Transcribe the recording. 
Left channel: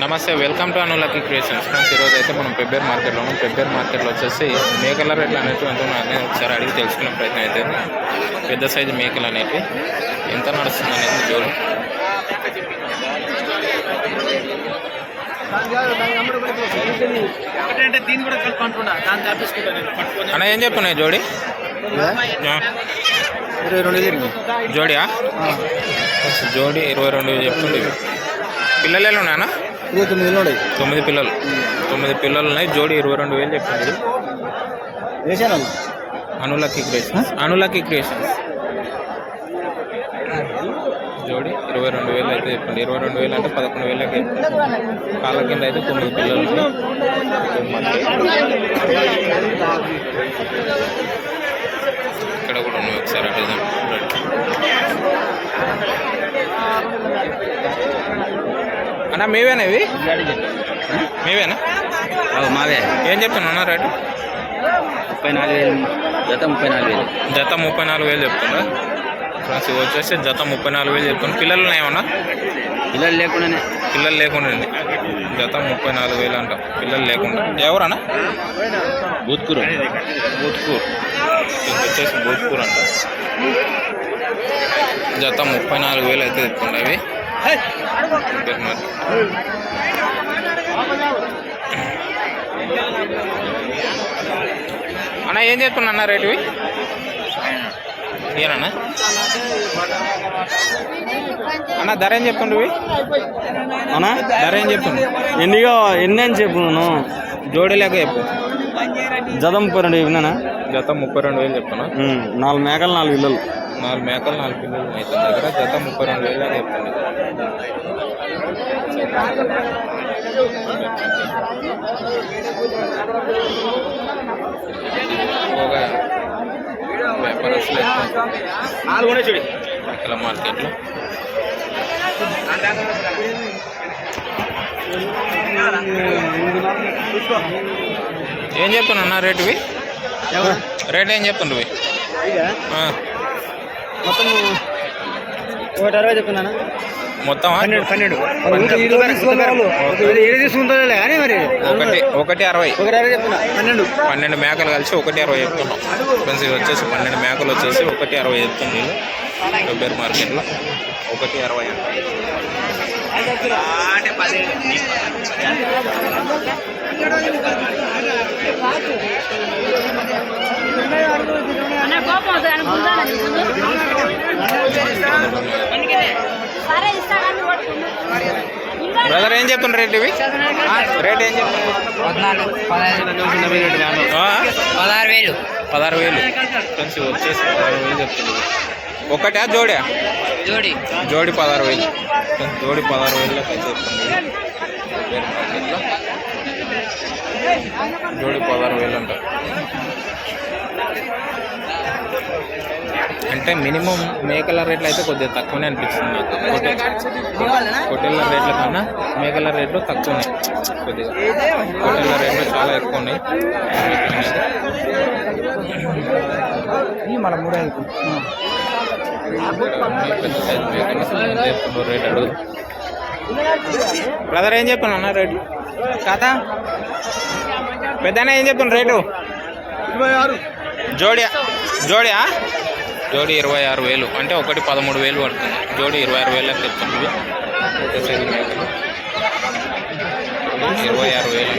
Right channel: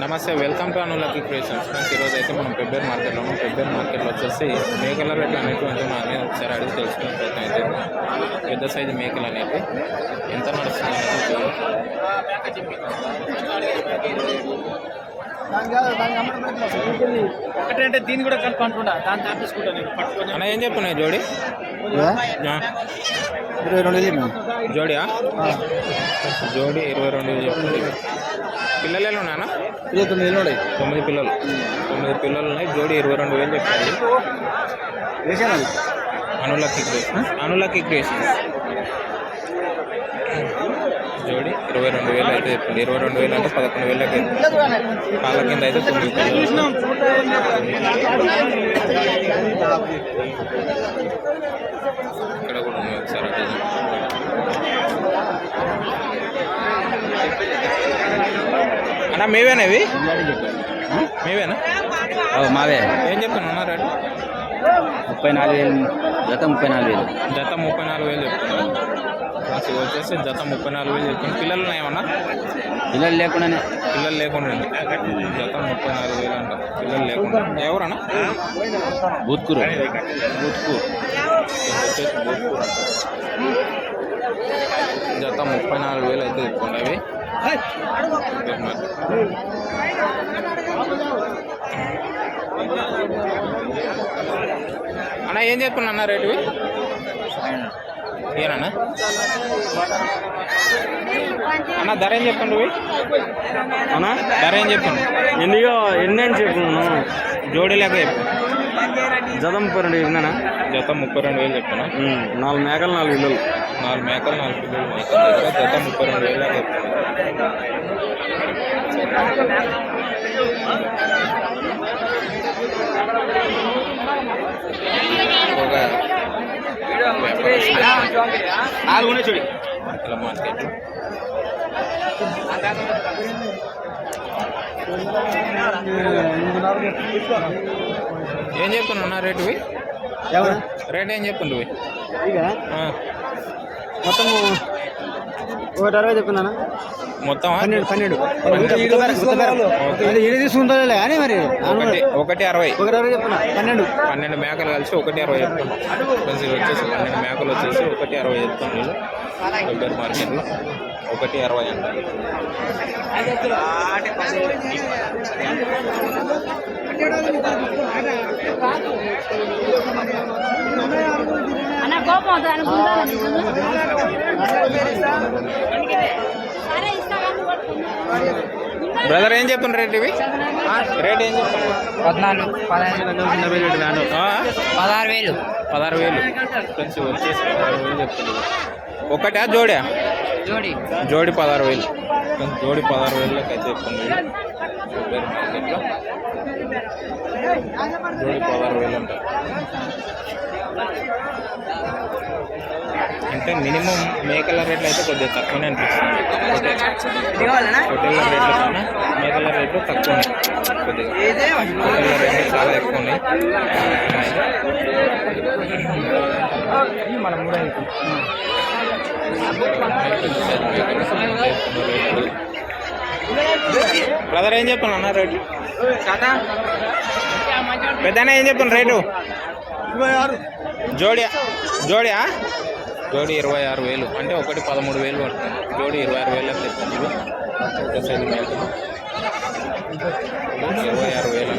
నమస్తే welcome to అనులకి creations. Friends ఈరోజు అయితే మనం పెబ్బేర్ మార్కెట్లో ఉన్నాం పెబ్బేర్ మార్కెట్లో వచ్చేసి మేకల రేట్లు అనేవి ఎంత ఉన్నాయి ఒకసారి అడిగి తెలుసుకునే ప్రయత్నం అయితే పెద్ద సైజు మేకలు అనేవి ఎంత నడుస్తుంది అనేది చూడు అన్న ఏం చెప్తున్నాయి జోడి? జోడియా? జోడి ఇరవై రెండు చెప్తుంది పిల్లలు ఎలా ఉన్నాయన్నా? ఇరవై తొమ్మిది వేలు ఉన్నాయి? తొమ్మిది పిల్లలు. తొమ్మిది పిల్లలు ఉన్నాయి జోడి ఇరవై రెండు వేలు చెప్తుంది వేసాను అది అనులకి క్రియేషన్స్. అనులకి క్రియేషన్స్. జోడి ఇరవై రెండు వేలు అయితే చెప్పండి. ఇరవై రెండు వేలు అంటే పదకొండు వేలకి. కాళ్ళ కింద అయితే తొమ్మిది పిల్లలు ఉన్నాయి. ఇక్కడ కూడా ఉన్నాయి ఒకసారి అటు చూద్దాం. అన్న మీవేనా ఇవి? మీవేనా? మావే. ఏం చెప్తున్నా రేటు? ముప్పై నాలుగు వేలు. జత ముప్పై నాలుగు వేలు. జత ముప్పై నాలుగు వేలు చెప్తున్నా. ఫ్రెండ్స్ ఇవి వచ్చేసి జత ముప్పై నాలుగు వేలు చెప్తున్నా. పిల్లలు ఉన్నాయేమన్నా పిల్లలు లేకుండానే. పిల్లలు లేకుండా అండి జత ముప్పై నాలుగు వేలు అంట. పిల్లలు లేకుండా. ఎవరన్నా? బూత్కూరు. బూత్కూర్. ఇది వచ్చేసి బూత్కూర్ అంట. జత ముప్పై నాలుగు వేలు అయితే చెప్తుండే అవి ఇంకా మరి. అన్న ఏం చెప్తున్నా అన్న రేటువి? ఏనన్నా అన్న ధర ఏం చెప్తుండ్రు అన్నా ధర ఏం చెప్తుండ్రు ఎన్నిగా ఎన్ని అని చెప్పు జోడీ లేక చెప్పు. జత ముప్పై రెండు చెప్పినా జత ముప్పై రెండు వేలు చెప్తున్నా. నాలుగు మేకలు నాలుగు ఇల్లు నాలుగు మేకలు నాలుగు పిల్లలు ఉన్నాయి తన దగ్గర. జత ముప్పై రెండు వేలు ఎక్కువగా వ్యాపారస్తులు మేకల మార్కెట్లో. ఏం చెప్తున్నా అన్న రేటువి? రేట్ ఏం చెప్తుండ్రు మొత్తం ఒకటి అరవై చెప్తున్నాను? మొత్తం పన్నెండు ఒకటి ఒకటి అరవై. ఒకటి అరవై చెప్తున్నా. పన్నెండు. పన్నెండు మేకలు కలిసి ఒకటి అరవై చెప్తున్నాం. ఫ్రెండ్స్ ఇవి వచ్చేసి పన్నెండు మేకలు వచ్చేసి ఒకటి అరవై చెప్తుంది వీళ్ళు. వెబ్బేర్ మార్కెట్లో ఒకటి అరవై అంట బ్రదర్ ఏం చెప్తున్నారు రేట్ ఇవి? రేట్ ఏం చెప్తున్నారు? పదహారు వేలు పదహారు వేలు. ఫ్రెండ్స్ వచ్చేసి పదహారు వేలు చెప్తున్నారు. ఒకటా జోడా? జోడి జోడి పదహారు వేలు. జోడి పదహారు వేలు లెక్క జోడి పదహారు వేలు అంటారు. అంటే మినిమం మేకల రేట్లు అయితే కొద్దిగా తక్కువనే అనిపిస్తుంది పొట్టేళ్ళ రేట్ల కన్నా మేకల రేట్లు తక్కువ ఉన్నాయి కొద్దిగా. పొట్టేళ్ళ రేట్లు చాలా ఎక్కువ ఉన్నాయి పెద్ద సైజు మేకలు బ్రదర్ ఏం చెప్తున్నా అన్న రేటు? కదా పెద్దన ఏం చెప్తున్నా రేటు? ఇరవై ఆరు. జోడి జోడియా? జోడి ఇరవై ఆరు వేలు. అంటే ఒకటి పదమూడు వేలు పడుతుంది. జోడి ఇరవై ఆరు వేలకు చెప్తుంది ఇరవై ఆరు వేలు.